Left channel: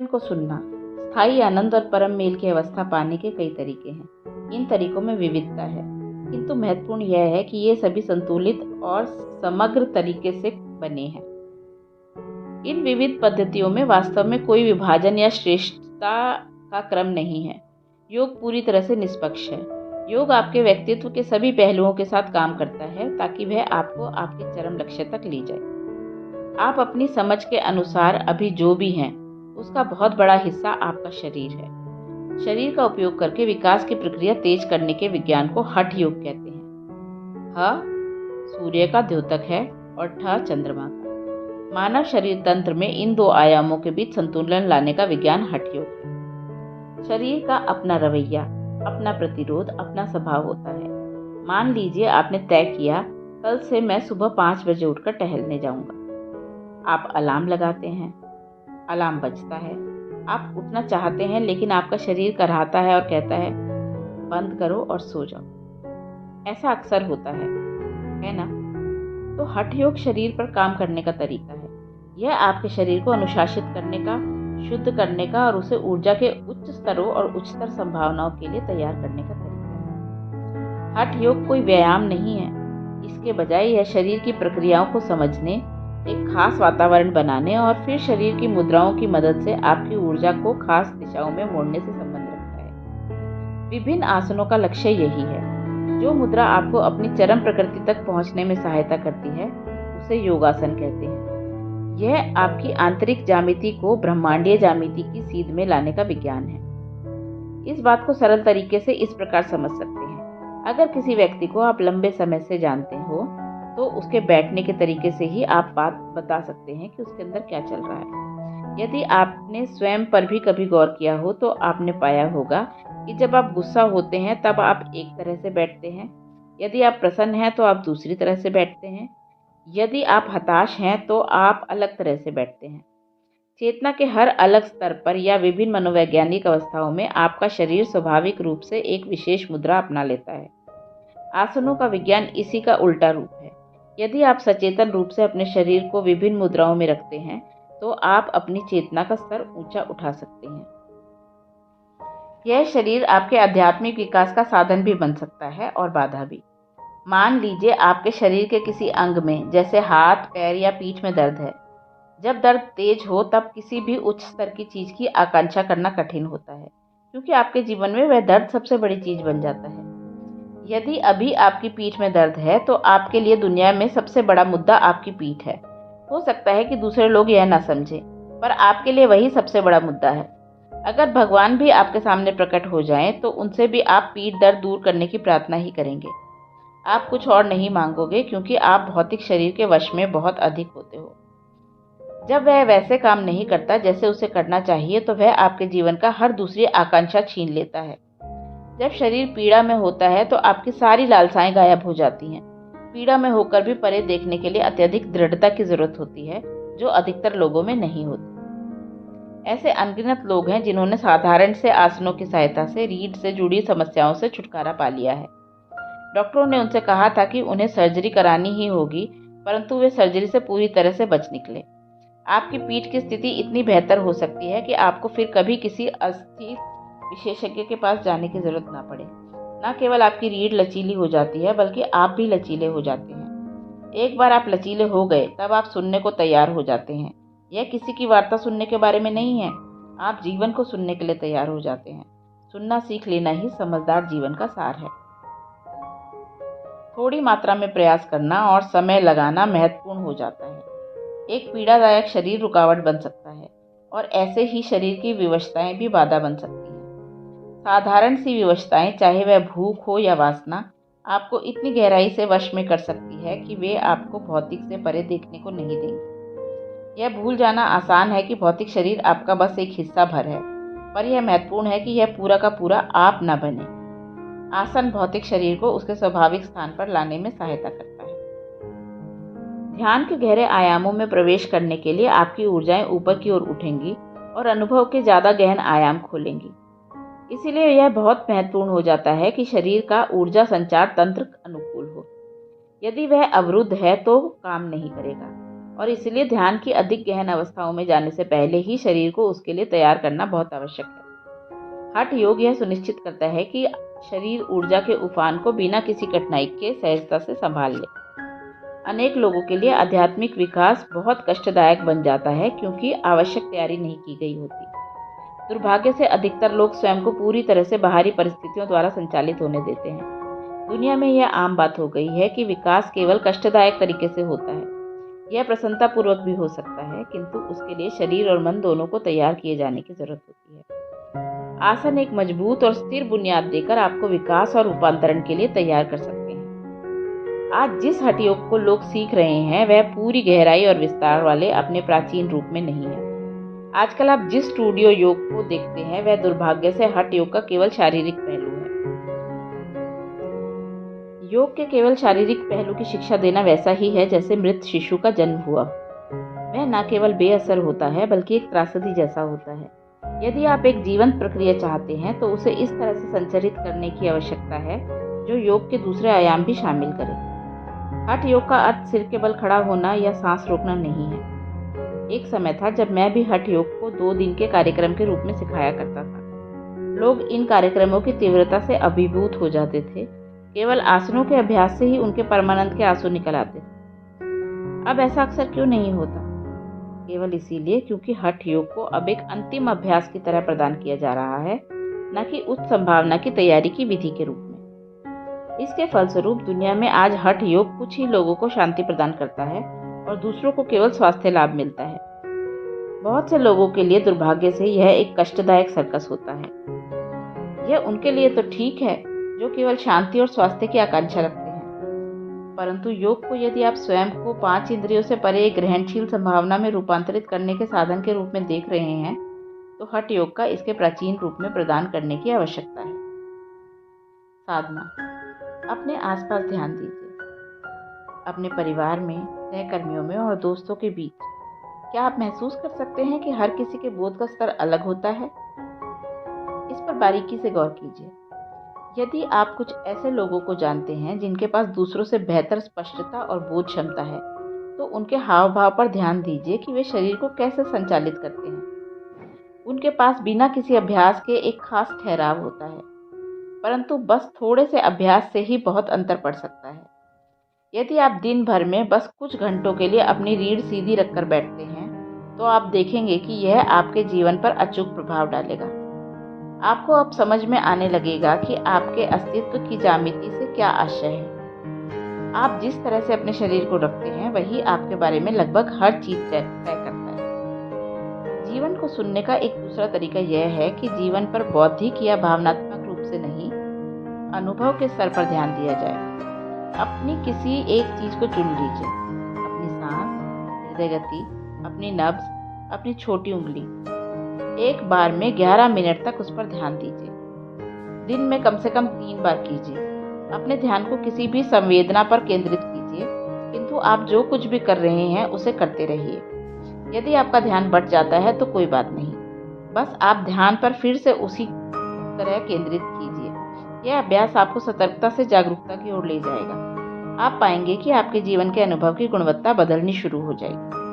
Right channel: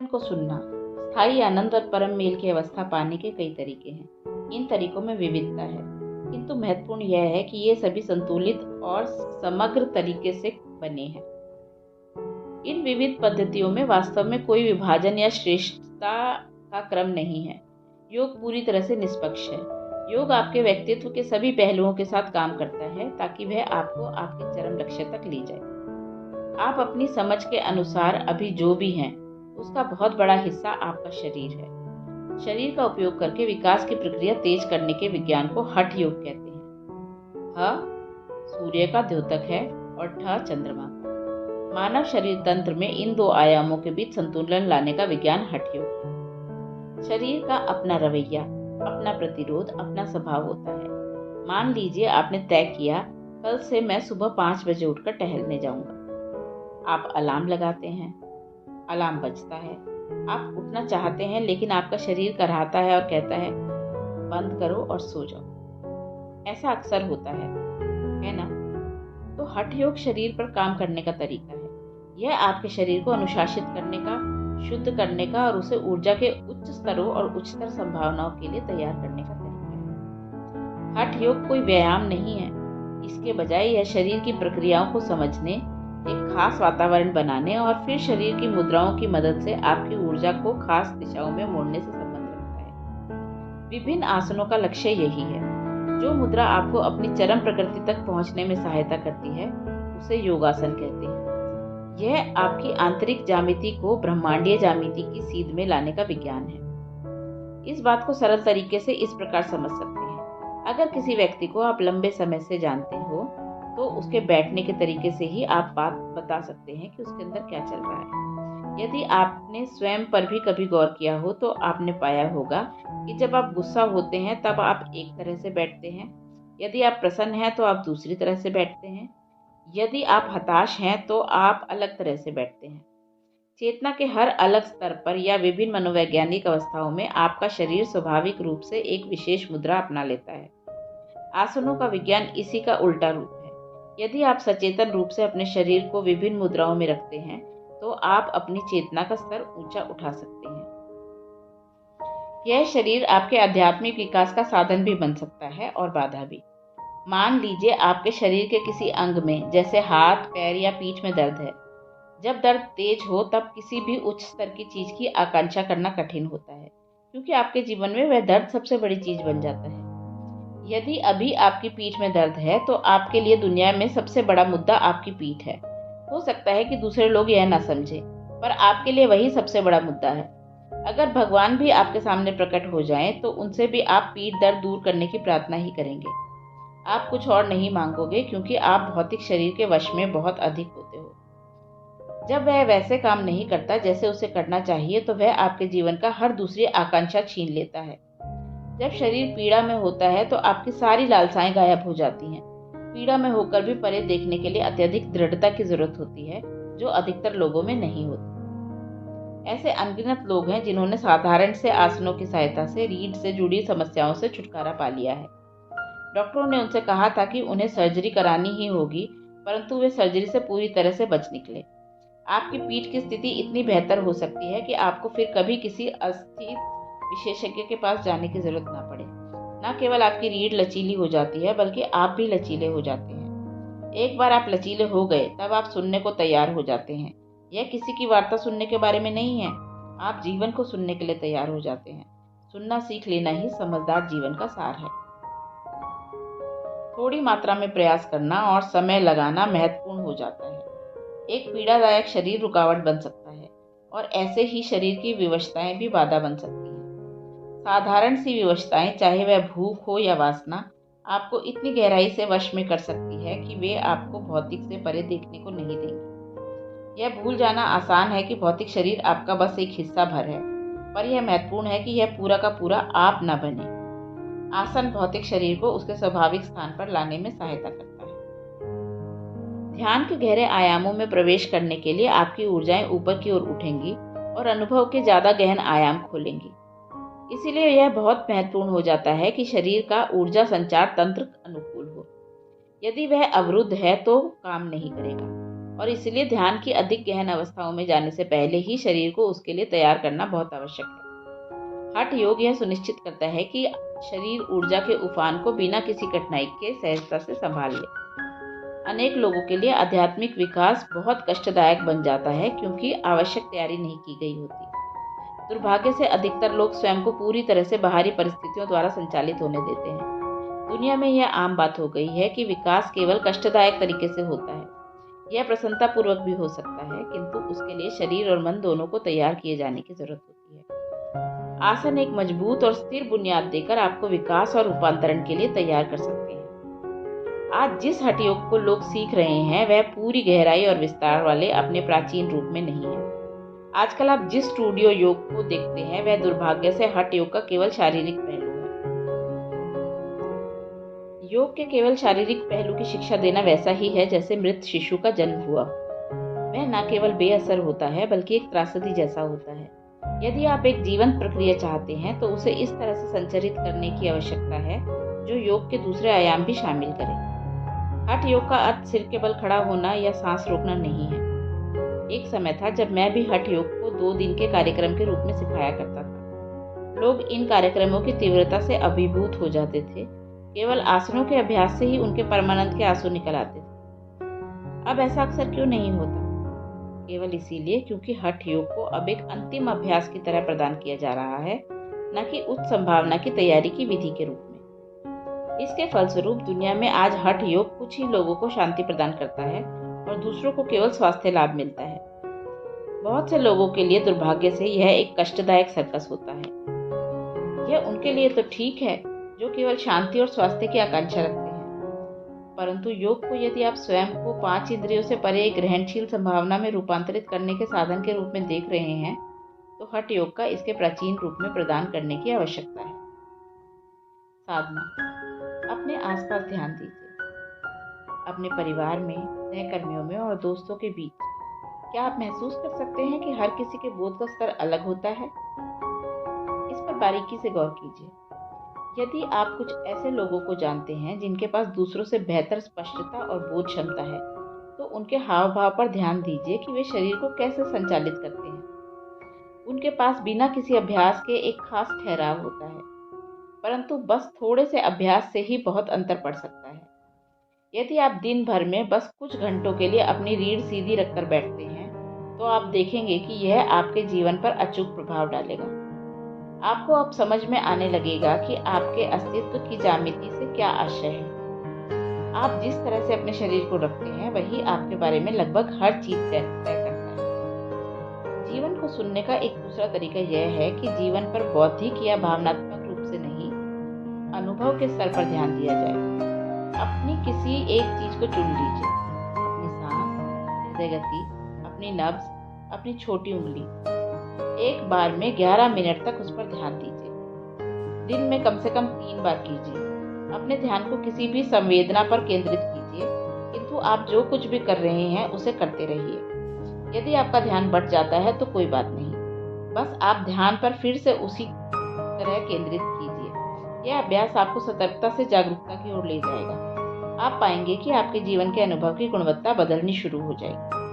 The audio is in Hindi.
को सुनना। स्थायी आनंद और परम मेल की अवस्था पाने के कई तरीके हैं। इन तरीकों में विविधता है, किंतु महत्वपूर्ण यह है कि ये सभी संतुलित और समग्र तरीके से बने हैं। इन विविध पद्धतियों में वास्तव में कोई विभाजन या श्रेष्ठता का क्रम नहीं है। योग पूरी तरह से निष्पक्ष है। योग आपके व्यक्तित्व के सभी पहलुओं के साथ काम करता है ताकि वह आपको आपके चरम लक्ष्य तक ले जाए। आप अपनी समझ के अनुसार अभी जो भी हैं, उसका बहुत बड़ा हिस्सा आपका शरीर है। शरीर का उपयोग करके विकास की प्रक्रिया तेज करने के विज्ञान को हठ योग कहते हैं। ह सूर्य का द्योतक है और ठ चंद्रमा का। मानव शरीर तंत्र में इन दो आयामों के बीच संतुलन लाने का विज्ञान हठ योग है। शरीर का अपना रवैया, अपना प्रतिरोध, अपना स्वभाव होता है। मान लीजिए आपने तय किया, कल से मैं सुबह 5 बजे उठकर टहलने जाऊंगा। आप अलार्म लगाते हैं, अलार्म बजता है, आप उठना चाहते हैं, लेकिन आपका शरीर कराहता है और कहता है बंद करो और सो जाओ। ऐसा अक्सर होता है ना? तो हठ योग शरीर पर काम करने का तरीका है। यह आपके शरीर को अनुशासित करने का, शुद्ध करने का और उसे ऊर्जा के उच्च स्तरों और उच्चतर संभावनाओं के लिए तैयार करने का तरीका है। हठ योग कोई व्यायाम नहीं है, इसके बजाय यह शरीर की प्रक्रियाओं को समझने, एक खास वातावरण बनाने और फिर शरीर की मुद्राओं की मदद से आपकी ऊर्जा को खास दिशाओं में मोड़ने से संबंध रखता है। विभिन्न आसनों का लक्ष्य यही है। जो मुद्रा आपको अपनी चरम प्रकृति तक पहुंचने में सहायता करती है, उसे योगासन कहते हैं। यह आपकी आंतरिक ज्यामिति को ब्रह्मांडीय ज्यामिति की सीध में लाने का विज्ञान है। इस बात को सरल तरीके से इस प्रकार समझ सकते हैं। अगर किसी व्यक्ति को आप लंबे समय से जानते हो, तो उसके बैठने के तरीके से ही आप बात बता सकते हैं कि उसके अंदर क्या चल रहा है। यदि आपने स्वयं पर भी कभी गौर किया हो, तो आपने पाया होगा कि जब आप गुस्सा होते हैं तब आप एक तरह से बैठते हैं, यदि आप प्रसन्न हैं तो आप दूसरी तरह से बैठते हैं, यदि आप हताश हैं तो आप अलग तरह से बैठते हैं। चेतना के हर अलग स्तर पर या विभिन्न मनोवैज्ञानिक अवस्थाओं में आपका शरीर स्वाभाविक रूप से एक विशेष मुद्रा अपना लेता है। आसनों का विज्ञान इसी का उल्टा रूप है। यदि आप सचेतन रूप से अपने शरीर को विभिन्न मुद्राओं में रखते हैं, तो आप अपनी चेतना का स्तर ऊंचा उठा सकते हैं। यह शरीर आपके आध्यात्मिक विकास का साधन भी बन सकता है और बाधा भी। मान लीजिए आपके शरीर के किसी अंग में, जैसे हाथ, पैर या पीठ में दर्द है। जब दर्द तेज हो, तब किसी भी उच्च स्तर की चीज की आकांक्षा करना कठिन होता है, क्योंकि आपके जीवन में वह दर्द सबसे बड़ी चीज बन जाता है। यदि अभी आपकी पीठ में दर्द है, तो आपके लिए दुनिया में सबसे बड़ा मुद्दा आपकी पीठ है। हो सकता है कि दूसरे लोग यह ना समझें, पर आपके लिए वही सबसे बड़ा मुद्दा है। अगर भगवान भी आपके सामने प्रकट हो जाएं, तो उनसे भी आप पीठ दर्द दूर करने की प्रार्थना ही करेंगे। आप कुछ और नहीं मांगोगे, क्योंकि आप भौतिक शरीर के वश में बहुत अधिक होते हो। जब वह वैसे काम नहीं करता जैसे उसे करना चाहिए, तो वह आपके जीवन का हर दूसरी आकांक्षा छीन लेता है। जब शरीर पीड़ा में होता है, तो आपकी सारी लालसाएं गायब हो जाती हैं। पीड़ा में होकर भी परे देखने के लिए अत्यधिक दृढ़ता की जरूरत होती है, जो अधिकतर लोगों में नहीं होती। ऐसे अनगिनत लोग हैं जिन्होंने साधारण से आसनों की सहायता से रीढ़ से जुड़ी समस्याओं से छुटकारा पा लिया है। डॉक्टरों ने उनसे कहा था कि उन्हें सर्जरी करानी ही होगी, परंतु वे सर्जरी से पूरी तरह से बच निकले। आपकी पीठ की स्थिति इतनी बेहतर हो सकती है कि आपको फिर कभी किसी अस्थि विशेषज्ञ के पास जाने की जरूरत ना पड़े। न केवल आपकी रीढ़ लचीली हो जाती है, बल्कि आप भी लचीले हो जाते हैं। एक बार आप लचीले हो गए, तब आप सुनने को तैयार हो जाते हैं। यह किसी की वार्ता सुनने के बारे में नहीं है, आप जीवन को सुनने के लिए तैयार हो जाते हैं। सुनना सीख लेना ही समझदार जीवन का सार है। थोड़ी मात्रा में प्रयास करना और समय लगाना महत्वपूर्ण हो जाता है। एक पीड़ादायक शरीर रुकावट बन सकता है, और ऐसे ही शरीर की विवशताएं भी बाधा बन सकती हैं। साधारण सी विवशताएं, चाहे वह भूख हो या वासना, आपको इतनी गहराई से वश में कर सकती है कि वे आपको भौतिक से परे देखने को नहीं देंगी। यह भूल जाना आसान है कि भौतिक शरीर आपका बस एक हिस्सा भर है, पर यह महत्वपूर्ण है कि यह पूरा का पूरा आप न बने। आसन भौतिक शरीर को उसके स्वाभाविक स्थान पर लाने में सहायता करता है। ध्यान के गहरे आयामों में प्रवेश करने के लिए आपकी ऊर्जाएं ऊपर की ओर उठेंगी और अनुभव के ज्यादा गहन आयाम खोलेंगी। इसीलिए यह बहुत महत्वपूर्ण हो जाता है कि शरीर का ऊर्जा संचार तंत्र अनुकूल हो। यदि वह अवरुद्ध है तो काम नहीं करेगा। और इसलिए ध्यान की अधिक गहन अवस्थाओं में जाने से पहले ही शरीर को उसके लिए तैयार करना बहुत आवश्यक है। हठ योग यह सुनिश्चित करता है कि शरीर ऊर्जा के उफान को बिना किसी कठिनाई के सहजता से संभाल ले। अनेक लोगों के लिए आध्यात्मिक विकास बहुत कष्टदायक बन जाता है क्योंकि आवश्यक तैयारी नहीं की गई होती। दुर्भाग्य से अधिकतर लोग स्वयं को पूरी तरह से बाहरी परिस्थितियों द्वारा संचालित होने देते हैं। दुनिया में यह आम बात हो गई है कि विकास केवल कष्टदायक तरीके से होता है। यह प्रसन्नता पूर्वक भी हो सकता है, किंतु उसके लिए शरीर और मन दोनों को तैयार किए जाने की जरूरत होती है। आसन एक मजबूत और स्थिर बुनियाद देकर आपको विकास और रूपांतरण के लिए तैयार कर सकते हैं। आज जिस हठ योग को लोग सीख रहे हैं वह पूरी गहराई और विस्तार वाले अपने प्राचीन रूप में नहीं है। आजकल आप जिस स्टूडियो योग को देखते हैं वह दुर्भाग्य से हठ योग का केवल शारीरिक पहलू है। योग के केवल शारीरिक पहलू की शिक्षा देना वैसा ही है जैसे मृत शिशु का जन्म हुआ। वह न केवल बेअसर होता है बल्कि एक त्रासदी जैसा होता है। यदि आप एक जीवंत प्रक्रिया चाहते हैं तो उसे इस तरह से संचरित करने की आवश्यकता है जो योग के दूसरे आयाम भी शामिल करे। हठ योग का अर्थ सिर के बल खड़ा होना या सांस रोकना नहीं है। एक समय था जब मैं भी हठ योग को 2 दिन के कार्यक्रम के रूप में सिखाया करता था। लोग इन कार्यक्रमों की तीव्रता से अभिभूत हो जाते थे। केवल आसनों के अभ्यास से ही उनके परमानंद के आंसू निकल आते थे। अब ऐसा अक्सर क्यों नहीं होता? केवल इसीलिए क्योंकि हठ योग को अब एक अंतिम अभ्यास की तरह प्रदान किया जा रहा है, न कि उच्च संभावना की तैयारी की विधि के रूप में। इसके फलस्वरूप दुनिया में आज हठ योग कुछ ही लोगों को शांति प्रदान करता है और दूसरों को केवल स्वास्थ्य लाभ मिलता है। बहुत से लोगों के लिए दुर्भाग्य से यह एक कष्टदायक सर्कस होता है। यह उनके लिए तो ठीक है जो केवल शांति और स्वास्थ्य की आकांक्षा रखते हैं, परंतु योग को यदि आप स्वयं को 5 इंद्रियों से परे एक ग्रहणशील संभावना में रूपांतरित करने के साधन के रूप में देख रहे हैं तो हठ योग का इसके प्राचीन रूप में प्रदान करने की आवश्यकता है। साधना। अपने आसपास ध्यान दीजिए। अपने परिवार में, सहकर्मियों में और दोस्तों के बीच क्या आप महसूस कर सकते हैं कि हर किसी के बोध का स्तर अलग होता है? इस पर बारीकी से गौर कीजिए। यदि आप कुछ ऐसे लोगों को जानते हैं जिनके पास दूसरों से बेहतर स्पष्टता और बोध क्षमता है, तो उनके हाव भाव पर ध्यान दीजिए कि वे शरीर को कैसे संचालित करते हैं। उनके पास बिना किसी अभ्यास के एक खास ठहराव होता है, परंतु बस थोड़े से अभ्यास से ही बहुत अंतर पड़ सकता है। यदि आप दिन भर में बस कुछ घंटों के लिए अपनी रीढ़ सीधी रखकर बैठते हैं तो आप देखेंगे कि यह आपके जीवन पर अचूक प्रभाव डालेगा। आपको अब समझ में आने लगेगा कि आपके अस्तित्व की ज्यामिति से क्या आशय है। आप जिस तरह से अपने शरीर को रखते हैं वही आपके बारे में लगभग हर चीज तय करता है। जीवन को सुनने का एक दूसरा तरीका यह है कि जीवन पर बौद्धिक या भावनात्मक रूप से नहीं, अनुभव के स्तर पर ध्यान दिया जाए। अपनी किसी एक चीज को चुन लीजिए। अपनी सांस, हृदय गति, अपनी नब्ज, अपनी छोटी उंगली। एक बार में 11 मिनट तक उस पर ध्यान दीजिए। दिन में कम से कम 3 बार कीजिए। अपने ध्यान को किसी भी संवेदना पर केंद्रित कीजिए, किंतु आप जो कुछ भी कर रहे हैं उसे करते रहिए। यदि आपका ध्यान बढ़ जाता है तो कोई बात नहीं, बस आप ध्यान पर फिर से उसी तरह केंद्रित कीजिए। यह अभ्यास आपको सतर्कता से जागरूकता की ओर ले जाएगा। आप पाएंगे कि आपके जीवन के अनुभव की गुणवत्ता बदलनी शुरू हो जाएगी।